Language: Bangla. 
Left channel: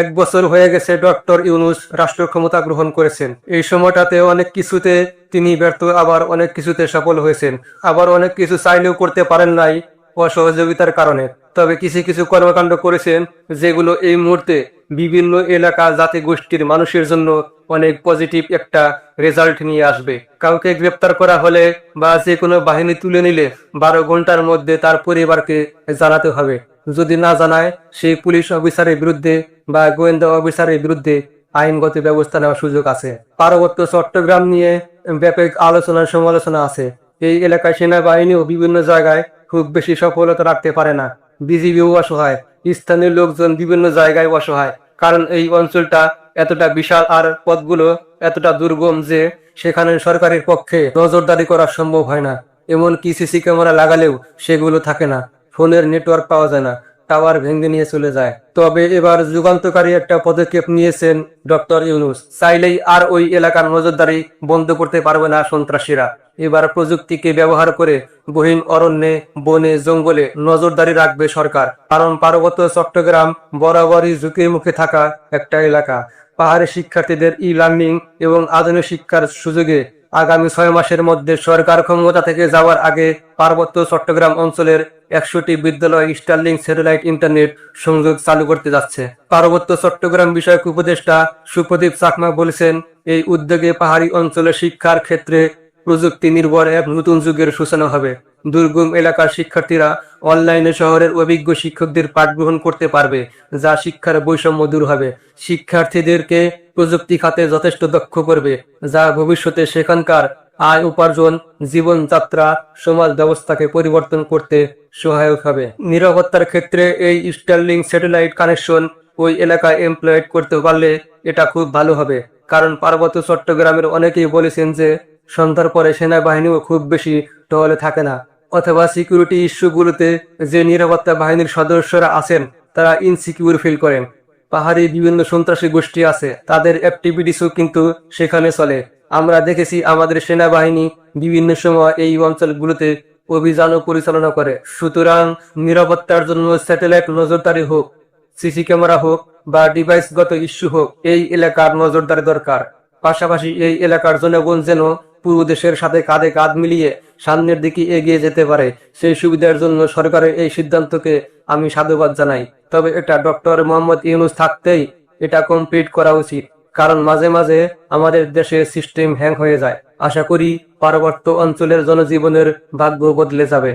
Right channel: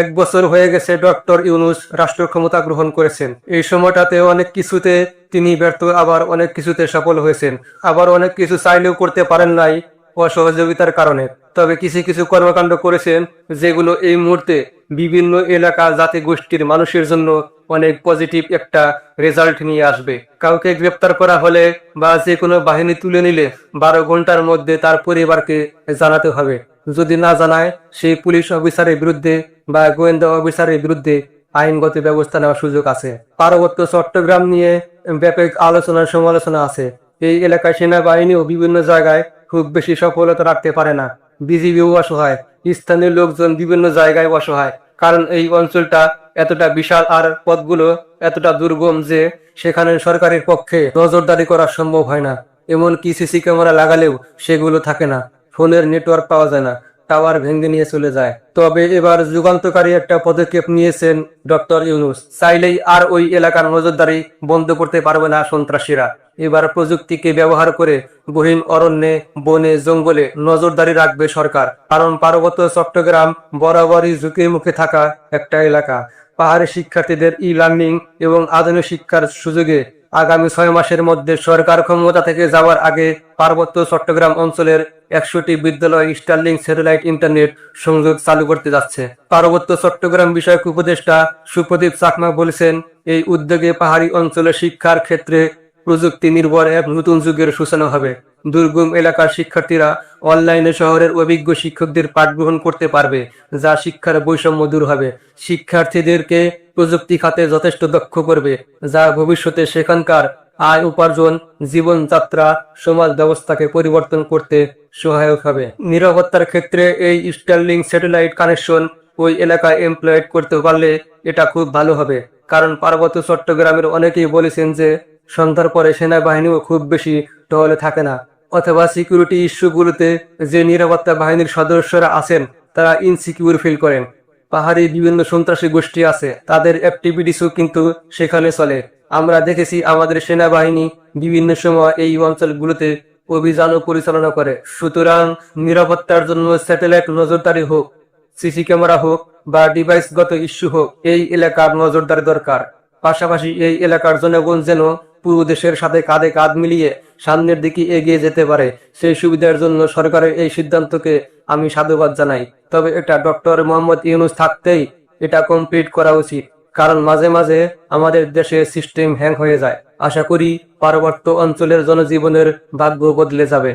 এক বছর হয়ে গেছে ডক্টর ইউনুস রাষ্ট্র ক্ষমতা গ্রহণ করেছেন। এই সময়টাতে অনেক কিছুতে তিনি ব্যর্থ, আবার অনেক কিছুতে সফল হয়েছেন। আবার অনেক কিছু চাইলেও করতে পারেন নাই অসহযোগিতার কারণে। তবে কিছু কিছু কর্মকাণ্ড করেছেন যেগুলো এই মুহূর্তে বিভিন্ন এলাকা, জাতি গোষ্ঠীর মানুষের জন্য অনেক পজিটিভ একটা রেজাল্ট নিয়ে আসবে। কাউকে গ্রেপ্তার করা হলে বা যে কোনো বাহিনী তুলে নিলে বারো ঘণ্টার মধ্যে তার পরিবারকে জানাতে হবে। যদি না জানায়, সেই পুলিশ অফিসারের বিরুদ্ধে বা গোয়েন্দা অফিসারের বিরুদ্ধে আইনগত ব্যবস্থা নেওয়ার সুযোগ আছে। পার্বত্য চট্টগ্রাম নিয়ে ব্যাপক আলোচনা সমালোচনা আছে। এই এলাকায় সেনাবাহিনীও বিভিন্ন জায়গায় খুব বেশি সফলতা রাখতে পারে না। বিজিবিও অসহায়, স্থানীয় লোকজন বিভিন্ন জায়গায় অসহায়। কারণ এই অঞ্চলটা এতটা বিশাল আর পথগুলো এতটা দুর্গম যে সেখানে সরকারের পক্ষে নজরদারি করা সম্ভব হয় না। এমন কি সিসি ক্যামেরা লাগালেও সেগুলো থাকে না। ফোনের নেটওয়ার্ক পাওয়া যায় না। টাওয়ার ভেঙে নিয়ে চলে যায়। তবে এবার যুগান্তকারী একটা পদক্ষেপ নিয়েছেন ডক্টর ইউনুস। চাইলেই আর ওই এলাকার নজরদারি বন্ধ করতে পারবে না সন্ত্রাসীরা। এবার প্রযুক্তিকে ব্যবহার করে গহীন অরণ্যে, বনে, জঙ্গলে নজরদারি রাখবে সরকার। কারণ পার্বত্য চট্টগ্রাম বরাবরই ঝুঁকে মুখে থাকা একটা এলাকা। পাহাড়ি শিক্ষার্থীদের ই লার্নিং এবং আধুনিক শিক্ষার সুযোগে আগামী ছয় মাসের মধ্যে সরকার ক্ষমতা থেকে যাওয়ার আগে পার্বত্য চট্টগ্রাম অঞ্চলের একশোটি বিদ্যালয় স্টার্লিং স্যাটেলাইট ইন্টারনেট সংযোগ চালু করতে যাচ্ছে। পার্বত্য চট্টগ্রাম বিষয়ক উপদেষ্টা সুপ্রদীপ চাকমা বলেছেন, এই উদ্যোগে পাহাড়ি অঞ্চলের শিক্ষার ক্ষেত্রে প্রযুক্তি নির্ভর এক নতুন যুগের সূচনা হবে। দুর্গম এলাকার শিক্ষার্থীরা অনলাইনে শহরের অভিজ্ঞ শিক্ষকদের পাঠ গ্রহণ করতে পারবে, যা শিক্ষার বৈষম্য দূর হবে। শিক্ষার্থীদেরকে প্রযুক্তি খাতে যথেষ্ট দক্ষ করবে, যা ভবিষ্যতে সেখানকার আয় উপার্জন, জীবনযাত্রা, সমাজ ব্যবস্থাকে পরিবর্তন করতে সহায়ক হবে। নিরাপত্তার ক্ষেত্রে এই স্টারলিং স্যাটেলাইট কানেকশন ওই এলাকায় এমপ্লয়েড করতে পারলে এটা খুব ভালো হবে, কারণ পার্বত্য চট্টগ্রামের অনেকেই বলেছেন যে সন্ধ্যার পরে সেনাবাহিনীও খুব বেশি টহলে থাকে না। অথবা সিকিউরিটি ইস্যুগুলোতে যে নিরাপত্তা বাহিনীর সদস্যরা আছেন, তারা ইনসিকিউর ফিল করেন। পাহাড়ি বিভিন্ন সন্ত্রাসী গোষ্ঠী আছে, তাদের অ্যাক্টিভিটিসও কিন্তু সেখানে চলে। আমরা দেখেছি আমাদের সেনাবাহিনী বিভিন্ন সময় এই অঞ্চলগুলোতে অভিযানও পরিচালনা করে। সুতরাং নিরাপত্তার জন্য স্যাটেলাইট নজরদারি হোক সিসি ক্যামেরা হোক বা ডিভাইসগত ইস্যু হোক, এই এলাকার নজরদারি দরকার। পাশাপাশি এই এলাকার জনগণ যেন পুরো দেশের সাথে কাঁধে কাঁধ মিলিয়ে সামনের দিকে এগিয়ে যেতে পারে। সেই সুবিধার জন্য সরকারের এই সিদ্ধান্তকে আমি সাধুবাদ জানাই। তবে এটা ডক্টর মোহাম্মদ ইউনুস থাকতেই এটা কমপ্লিট করা উচিত। কারণ মাঝে মাঝে আমাদের দেশে সিস্টেম হ্যাং হয়ে যায়। আশা করি পার্বত্য অঞ্চলের জনজীবনের ভাগ্য বদলে যাবে।